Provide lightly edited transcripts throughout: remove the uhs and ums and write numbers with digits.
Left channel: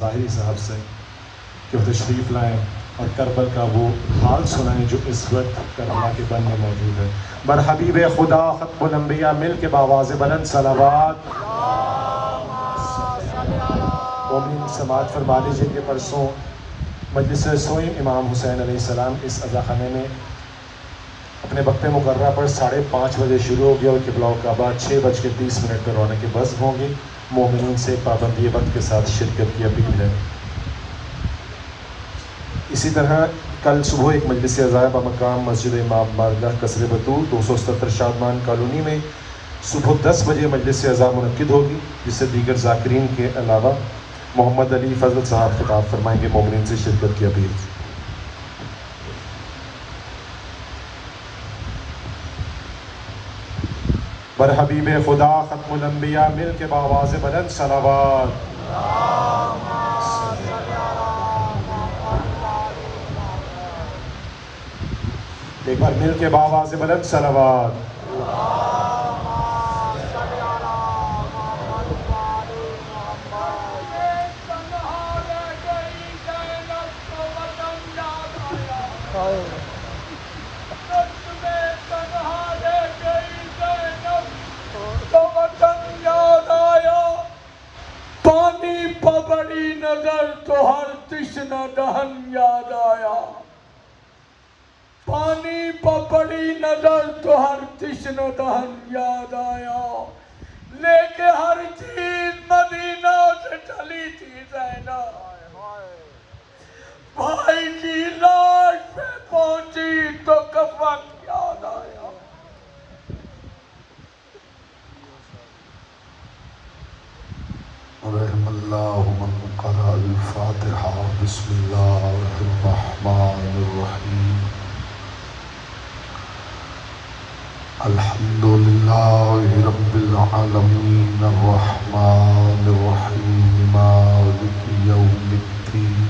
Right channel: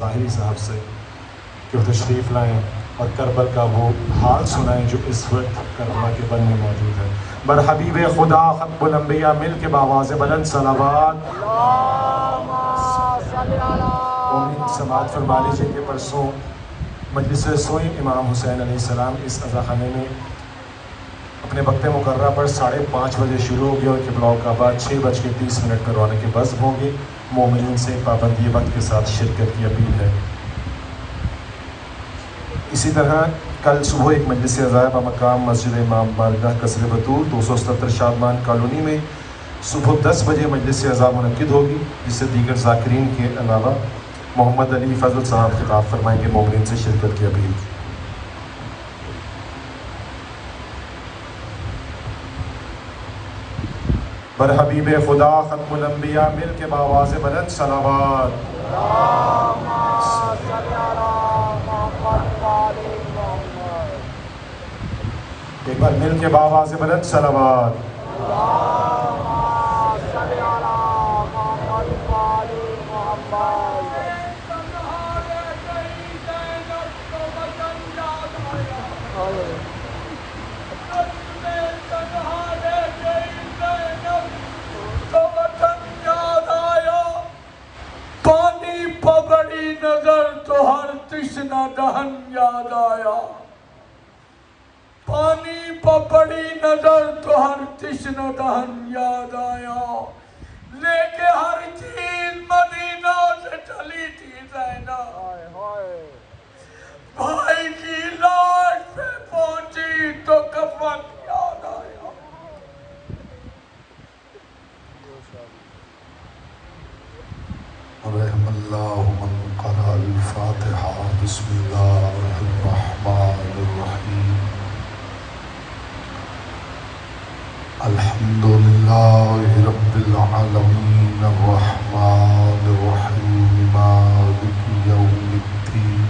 ظاہری صاحب سے کہ وہ تشریف لائیں اور کربل کا وہ حال سنائیں جو اس وقت کربلا کے بن میں موجود ہے۔ برحبیب خدا ختم الانبیاء مل کے بآواز بلند صلوات۔ مومن سماعت فرما لیجیے کہ پرسوں مجلس سوئم امام حسین علیہ السلام اس عزاخانے میں اپنے وقت مقررہ پر 5:30 بجے شروع ہو گیا اور قبلہ کعبہ 6:30 پر رونے کے بزم ہوں گی۔ مومنین سے پابندی وقت کے ساتھ شرکت کی اپیل ہے۔ اسی طرح کل صبح ایک مجلس عزائے بمقام مسجد امام بارگاہ قصر بطور 277 شادمان کالونی میں صبح 10 بجے مجلس عزا منعقد ہوگی، جس سے دیگر ذاکرین کے علاوہ محمد علی فضل صاحب خطاب فرمائیں گے۔ مومنین سے شرکت کی اپیل۔ برحبیب خدا ختم الانبیاء مل کے بآواز بلند صلوات۔ ایک بار مل کے بآواز بلند صلوات۔ پانی پبڑی نظر تو ہر تشنہ دہن یاد آیا، پانی پبڑی نظر تو ہر تشنہ دہن یاد آیا، لے کے ہر چیز مدینہ سے چلی تھی زینب، بھائی کی لاش پہ پہنچی تو کفن یاد آیا۔ رحم اللہ من قرأ الفاتحہ بسم اللہ الرحمن الرحیم۔ الحمدللہ رب العالمین الرحمن الرحیم مالک یوم الدین۔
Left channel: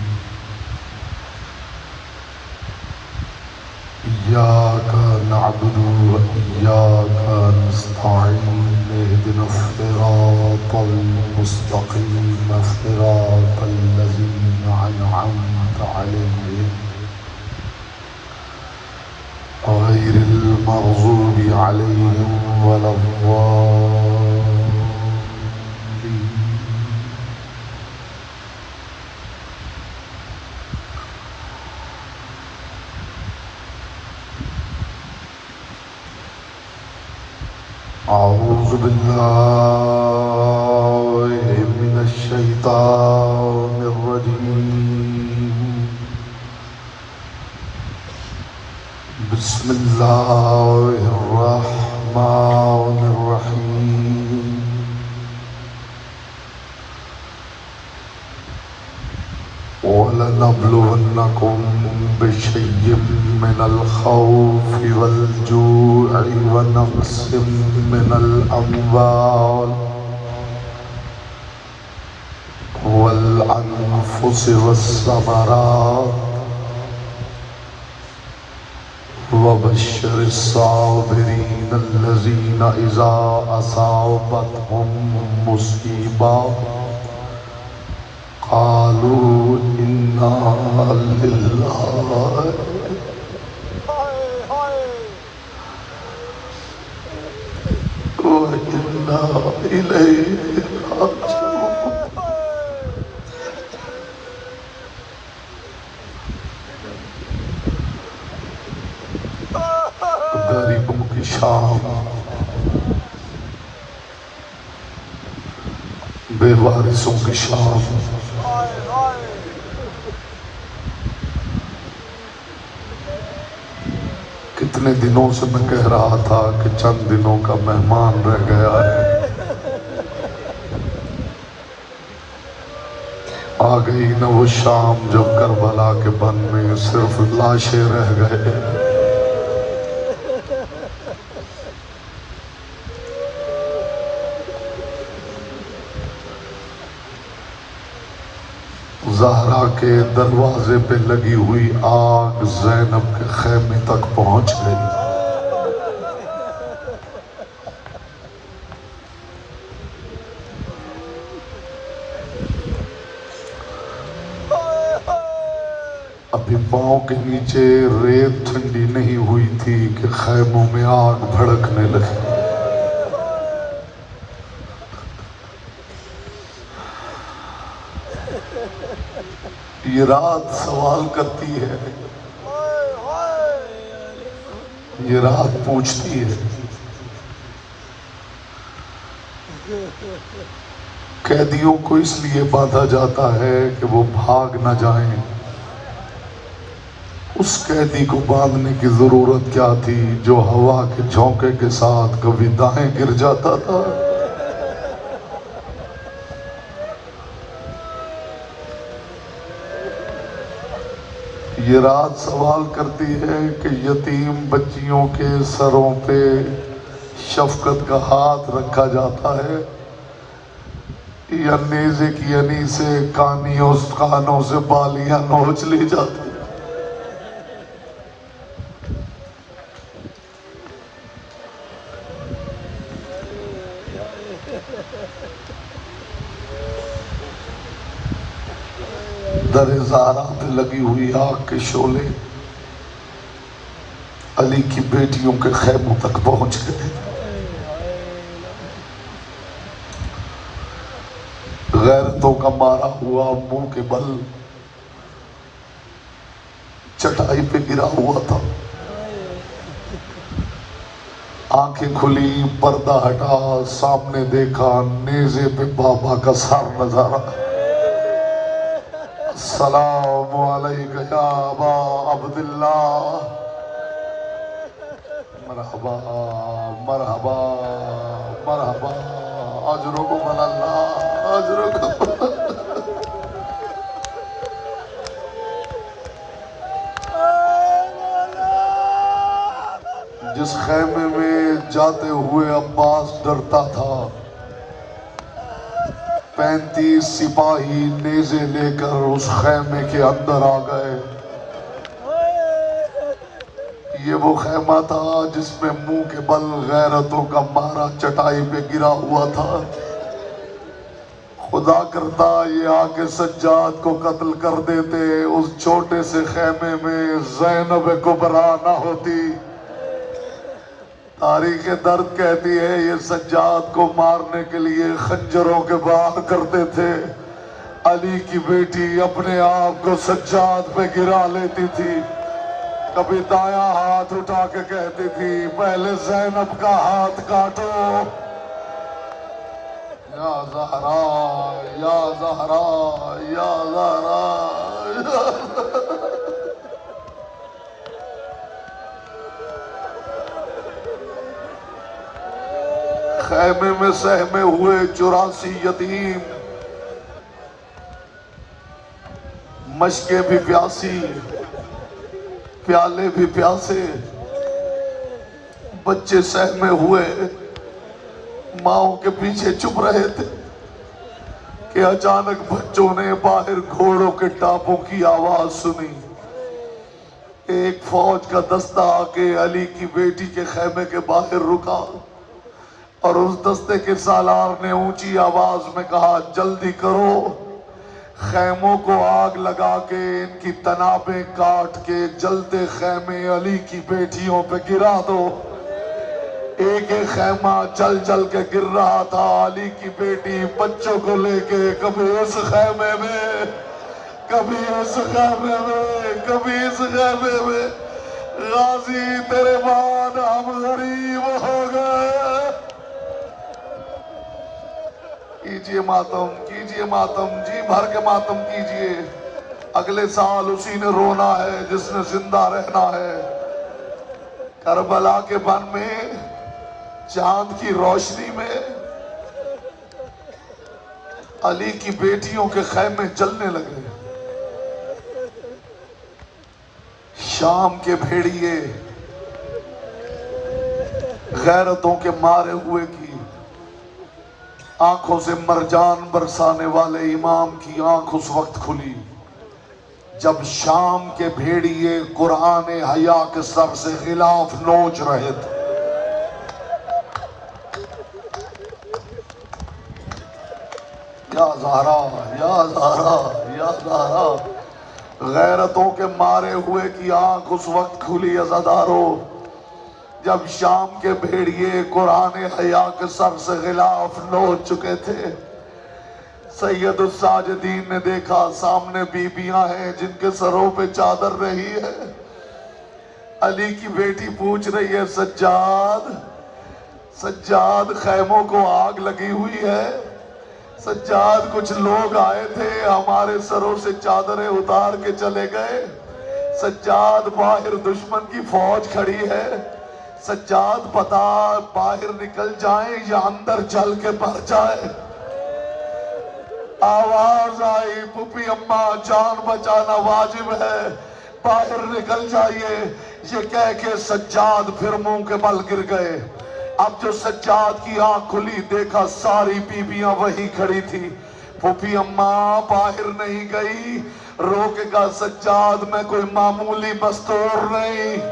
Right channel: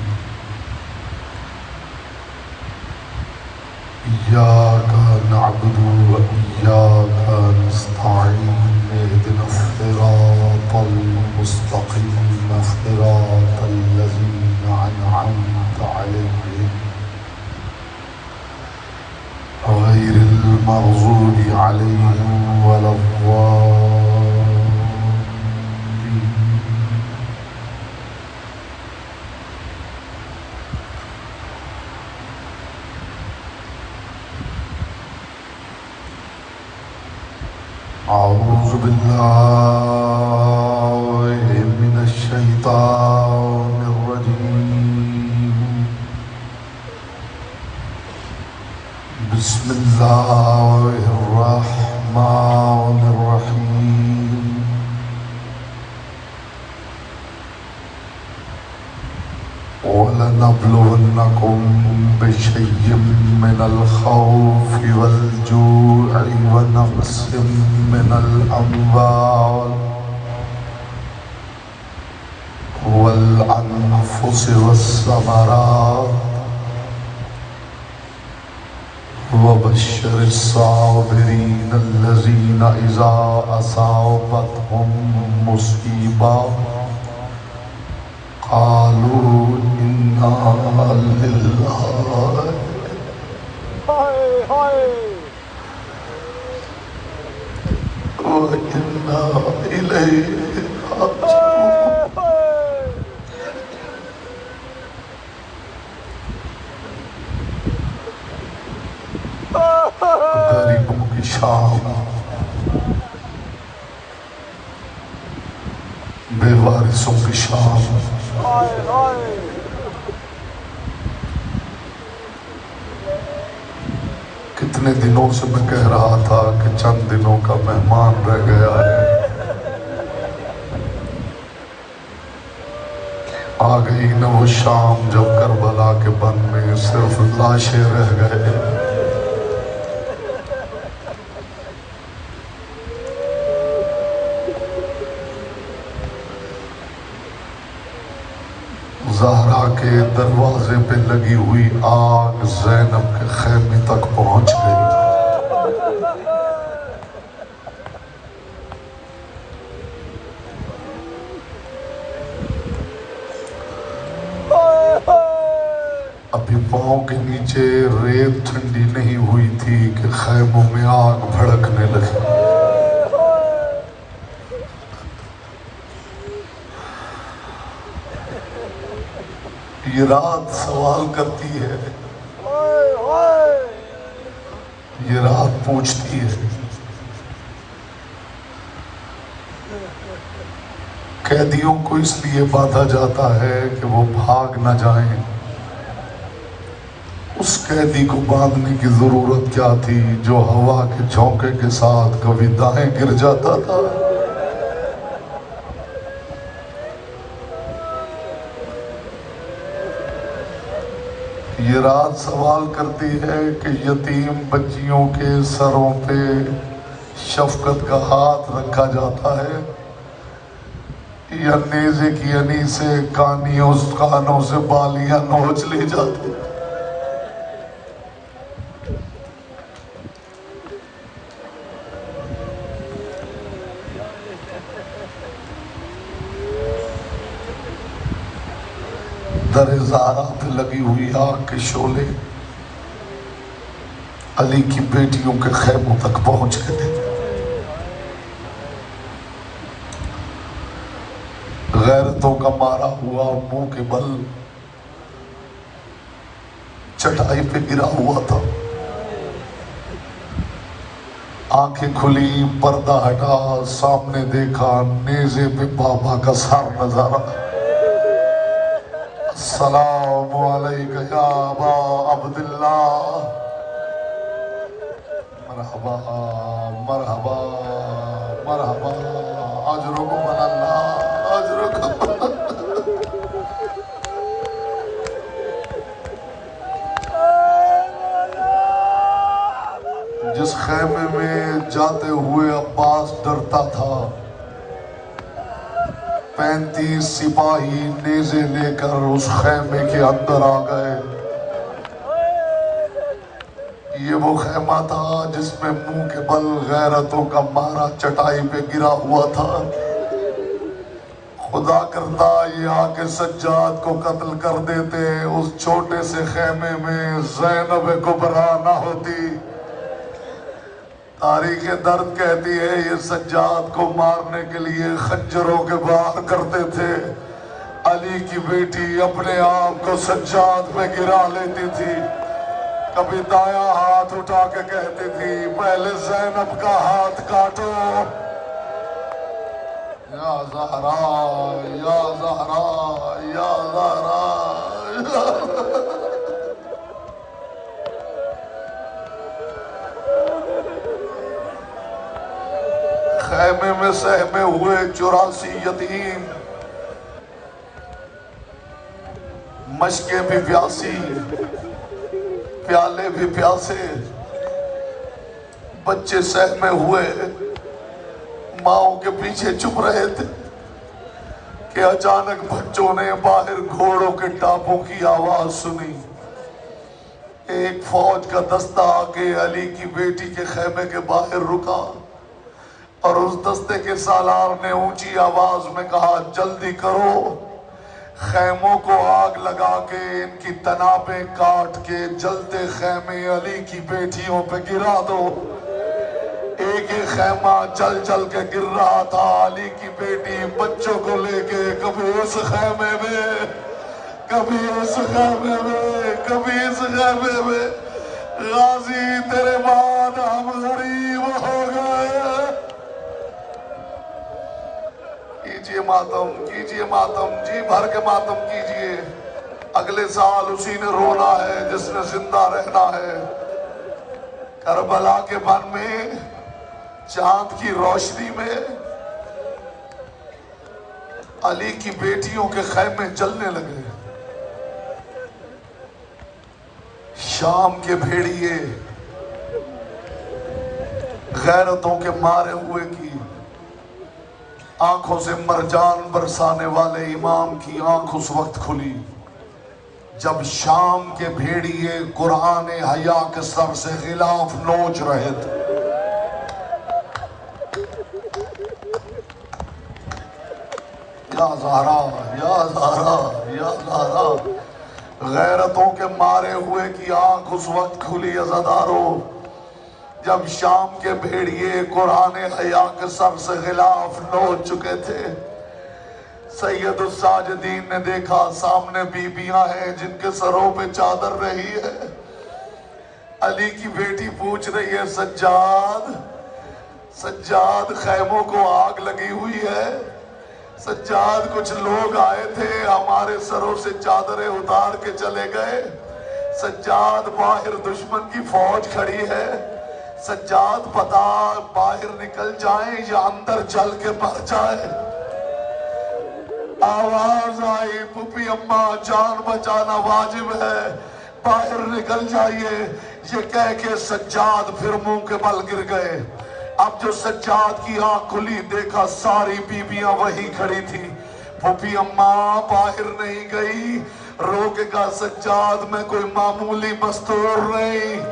ایاک نعبد و ایاک نستعین اہدنا الصراط المستقیم صراط الذین انعمت علیہم غیر المغضوب علیہم ولا الضالین۔ اعوذ باللہ من الشیطان الرجیم، بسم اللہ الرحمن الرحیم۔ وَلَنَبْلُوَنَّكُمْ بِشَيْءٍ مِّنَ الْخَوْفِ وَالْجُوعِ وَنَقْصٍ مِّنَ الْأَمْوَالِ وَالْأَنفُسِ وَالثَّمَرَاتِ وَبَشِّرِ الصَّابِرِينَ الَّذِينَ إِذَا أَصَابَتْهُم مُّصِيبَةٌ قالوا إنا لله وإنا إليه راجعون۔ غریبوں کی شام، بے وارثوں کی شام، کتنے دنوں سے میں کہہ رہا تھا کہ چند دنوں کا مہمان رہ گیا ہے، آ گئی نہ وہ شام جب کربلا کے بن میں صرف لاشیں رہ گئے۔ زہرا کے دروازے پہ لگی ہوئی آگ زینب کے خیمے تک پہنچ گئی۔ ابھی پاؤں کے نیچے ریت ٹھنڈی نہیں ہوئی تھی کہ خیموں میں آگ بھڑکنے لگی۔ یہ رات سوال کرتی ہے، یہ رات پوچھتی ہے، قیدیوں کو اس لیے باندھا جاتا ہے کہ وہ بھاگ نہ جائیں۔ اس قیدی کو باندھنے کی ضرورت کیا تھی جو ہوا کے جھونکے کے ساتھ کبھی دائیں گر جاتا تھا؟ یہ رات سوال کرتی ہے کہ یتیم بچیوں کے سروں پہ شفقت کا ہاتھ رکھا جاتا ہے یا نیزے کی انی سے کانوں سے بالیاں نوچ لی جاتی؟ در زہرا پہ لگی ہوئی آگ کے شعلے علی کی بیٹیوں کے خیموں تک پہنچ گئے۔ غیرتوں کا مارا ہوا منہ کے بل چٹائی پہ گرا ہوا تھا۔ آنکھیں کھلی، پردہ ہٹا، سامنے دیکھا نیزے پہ بابا کا سر نظارہ۔ السلام علیکم یا ابا عبداللہ، مرحبا مرحبا مرحبا، اجرکم اللہ اجرکم۔ جس خیمے میں جاتے ہوئے عباس ڈرتا تھا، 35 سپاہی نیزے لے کر اس خیمے کے اندر آ گئے۔ یہ وہ خیمہ تھا جس میں منہ کے بل غیرتوں کا مارا چٹائی پہ گرا ہوا تھا۔ خدا کرتا یہ آ کے سجاد کو قتل کر دیتے، اس چھوٹے سے خیمے میں زینب کبریٰ نہ ہوتی۔ تاریخ درد کہتی ہے یہ سجاد کو مارنے کے لیے خنجروں کے بار کرتے تھے۔ علی کی بیٹی اپنے آپ کو سجاد پہ گرا لیتی تھی، کبھی دایاں ہاتھ اٹھا کے کہتی تھی پہلے زینب کا ہاتھ کاٹو۔ یا زہرا یا زہرا یا زہرا خیمے میں سہمے ہوئے 84 یتیم، مشکیں بھی پیاسی، پیالے بھی پیاسے، بچے سہمے ہوئے ماؤں کے پیچھے چھپ رہے تھے کہ اچانک بچوں نے باہر گھوڑوں کے ٹاپوں کی آواز سنی۔ ایک فوج کا دستہ آ کے علی کی بیٹی کے خیمے کے باہر رکا اور اس دستے کے سالار نے اونچی آواز میں کہا جلدی کرو، خیموں کو آگ لگا کے ان کی تنابیں کاٹ کے جلتے خیمے علی کی بیٹیوں پہ گرا دو۔ ایک ایک خیمہ چل چل کے گر رہا تھا، علی کی بیٹی بچوں کو لے کے کبھی اس خیمے میں، کبھی اس خیمے میں، کبھی اس خیمے میں۔ غازی تیرے بعد ہم غریب ہو گئے۔ کیجئے ماتم، کیجئے ماتم، جی بھر کے ماتم کیجئے۔ اگلے سال اسی نے رونا ہے جس نے زندہ رہنا ہے۔ کربلا کے بن میں چاند کی روشنی میں علی کی بیٹیوں کے خیمے جلنے لگے۔ شام کے بھیڑیے غیرتوں کے مارے ہوئے کی آنکھوں سے مرجان برسانے والے امام کی آنکھ اس وقت کھلی جب شام کے بھیڑیے قرآن حیا کے سر سے غلاف نوچ رہے تھے۔ یا زہرا یا زہرا یا زہرا غیرتوں کے مارے ہوئے کی آنکھ اس وقت کھلی عزادارو جب شام کے بھیڑیے قرآن حیا کے سر سے غلاف نوچ چکے تھے۔ سید الساجدین نے دیکھا سامنے بیبیاں ہیں جن کے سروں پہ چادر رہی ہے۔ علی کی بیٹی پوچھ رہی ہے سجاد سجاد خیموں کو آگ لگی ہوئی ہے، سجاد کچھ لوگ آئے تھے ہمارے سروں سے چادریں اتار کے چلے گئے، سجاد باہر دشمن کی فوج کھڑی ہے، سجاد پتا باہر نکل جائیں یا اندر چل کے مر جائیں۔ آواز آئی پھوپھی اماں جان بچانا واجب ہے، باہر نکل جائیے، یہ کہہ کے سجاد پھر منہ کے بل گر گئے۔ اب جو سجاد کی آنکھ کھلی دیکھا ساری بیبیاں وہی کھڑی تھی، پھوپھی اماں باہر نہیں گئی، روکے گا سجاد میں کوئی معمولی مستور نہیں،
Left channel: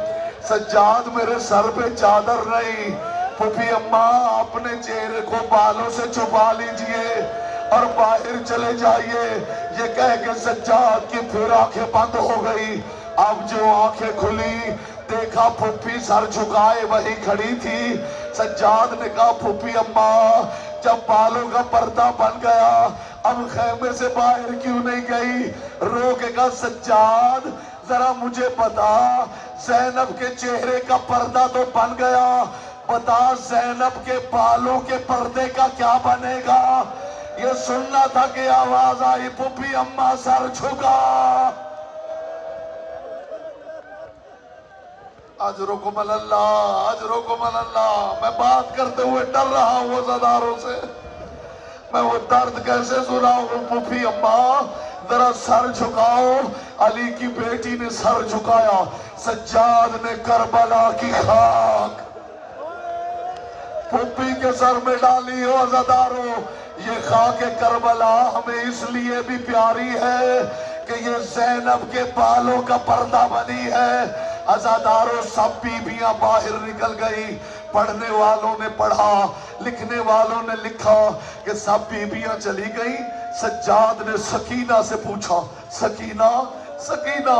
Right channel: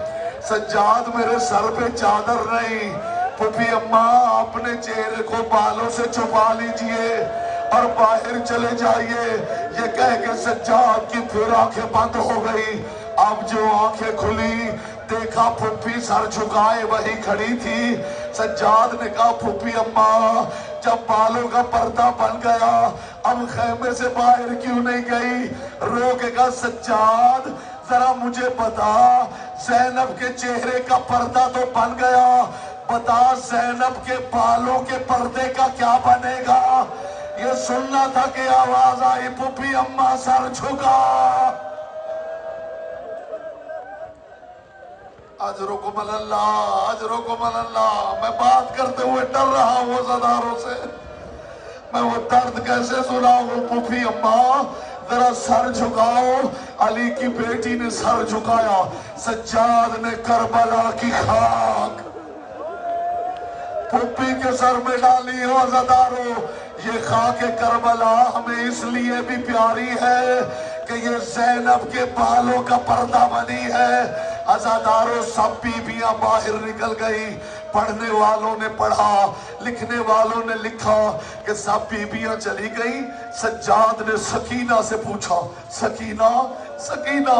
سجاد میرے سر پہ چادر نہیں، پھوپھی اماں اپنے چہرے کو بالوں سے چھپا لیجئے اور باہر چلے جائیے، یہ کہہ کے سجاد کی پھر آنکھیں بند ہو گئی۔ اب جو آنکھیں کھلی دیکھا پھوپھی سر جھکائے وہی کھڑی تھی، سجاد نے کہا پھوپھی اماں جب بالوں کا پردہ بن گیا اب خیمے سے باہر کیوں نہیں گئی؟ روکے گا سجاد ذرا مجھے بتا زینب کے چہرے کا پردہ تو بن گیا، بتا زینب کے بالوں کے پردے کا کیا بنے گا؟ یہ سننا تھا کہ آواز آئی پھوپھی اماں سر جھکا۔ اجرکم اللہ اجرکم اللہ۔ میں بات کرتے ہوئے ڈر رہا ہوں عزاداروں سے، میں وہ درد کیسے سناؤں؟ پھوپھی اماں ذرا سر جھکاؤ۔ علی کی بیٹی نے سر جھکایا، سجاد نے کربلا کی خاک پھوپھی کے سر میں ڈالی ہو۔ عزاداروں یہ خاک کربلا ہمیں اس لیے بھی پیاری ہے کہ یہ زینب کے بالوں کا پردہ بنی ہے۔ عزاداروں سب بیبیاں باہر نکل گئی، پڑھنے والوں نے پڑھا، لکھنے والوں نے لکھا کہ سب بیبیاں چلی گئی۔ سجاد نے سکینہ سے پوچھا سکینہ سکینہ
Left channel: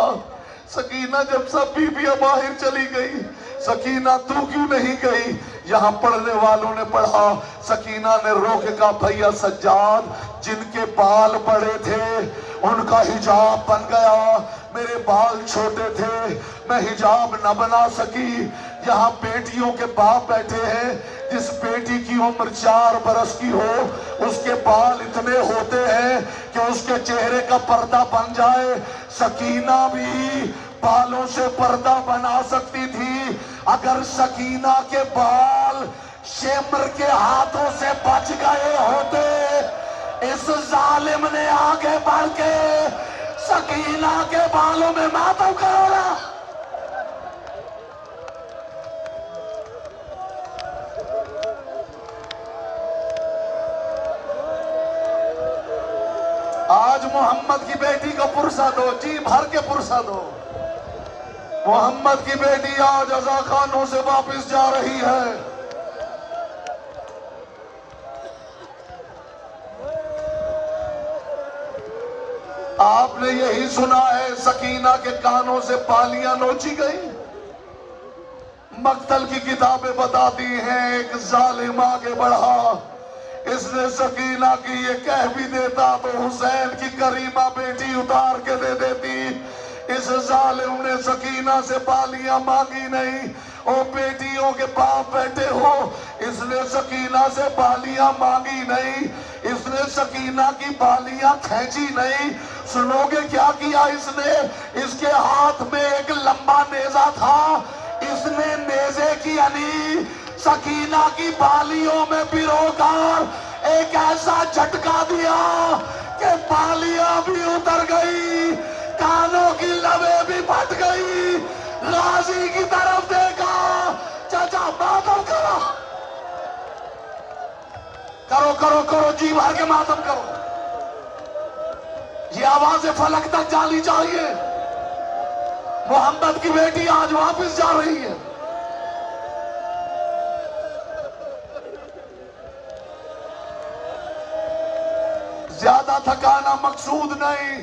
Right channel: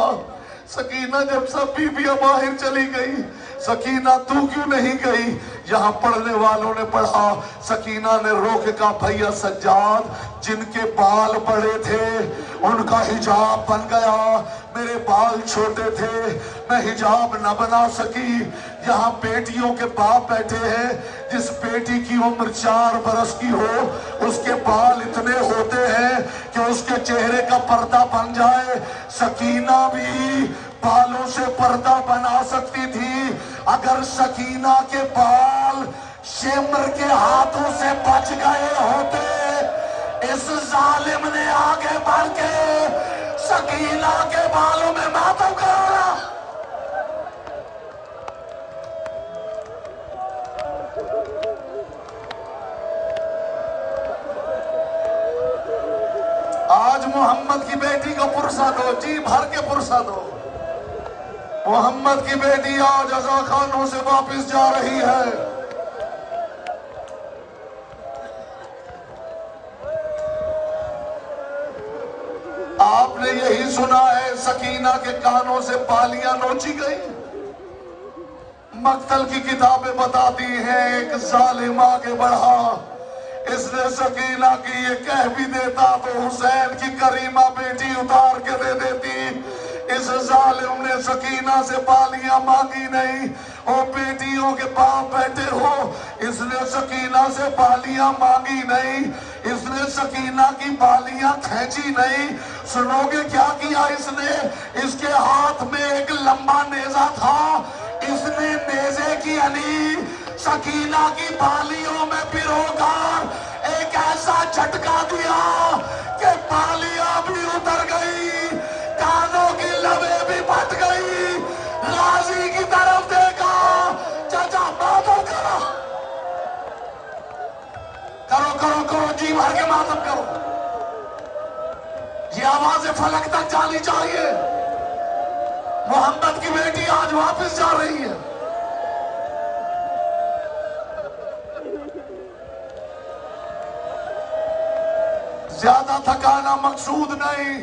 سکینہ جب سب بیبیاں باہر چلی گئی سکینہ تو کیوں نہیں گئی؟ یہاں پڑھنے والوں نے پڑھا، سکینہ نے روک کہا بھیا سجاد جن کے بال بڑے تھے ان کا حجاب بن گیا، میرے بال چھوٹے تھے میں حجاب نہ بنا سکی۔ یہاں بیٹیوں کے باپ بیٹھے ہیں، جس بیٹی کی عمر 4 برس کی ہو اس کے بال اتنے ہوتے ہیں کہ اس کے چہرے کا پردہ بن جائے۔ سکینہ بھی بالوں سے پردہ بنا سکتی تھی، اگر سکینہ کے بال شمر کے ہاتھوں سے بچ گئے ہوتے۔ اس ظالم نے آگے بڑھ کے سکینہ کے بالوں میں ماتم کرایا۔ آج محمد کی بیٹی کو پرسہ دو، جی بھر کے پرسہ دو۔ محمد کی بیٹی آج عزا خانوں سے واپس جا رہی ہے۔ آپ نے یہی سنا ہے سکینہ کے کانوں سے بالیاں نوچی گئی۔ مقتل کی کتابیں بتاتی ہیں ایک ظالم آگے بڑھا، اس نے سکینہ کی یہ کہہ بھی دیتا تو حسین کی کریمہ بیٹی اتار کے دے دیتی۔ اس ظالم نے سکینہ سے بالیاں مانگی نہیں، او بیٹیوں کے باپ بیٹھے ہو، اس نے سکینہ سے بالیاں مانگی نہیں، اس نے سکینہ کی بالیاں کھینچی نہیں۔ سنو گے کیا کیا اس نے؟ اس کے ہاتھ میں ایک لمبا نیزہ تھا، اس نے نیزے کی علی سکینہ کی بالیوں میں پیروکار ایک ایسا جھٹکا دیا کہ بالیاں بھی اتر گئی، کانوں کی لبیں بھی پھٹ گئی۔ غازی کی طرف دیکھا، چچا ماتم کرو کرو کرو کرو، جی بھر کے ماتم کرو، یہ آواز فلک تک جانی چاہیے۔ محمد کی بیٹی آج واپس جا رہی ہے۔ زیادہ تھکانا مقصود نہیں،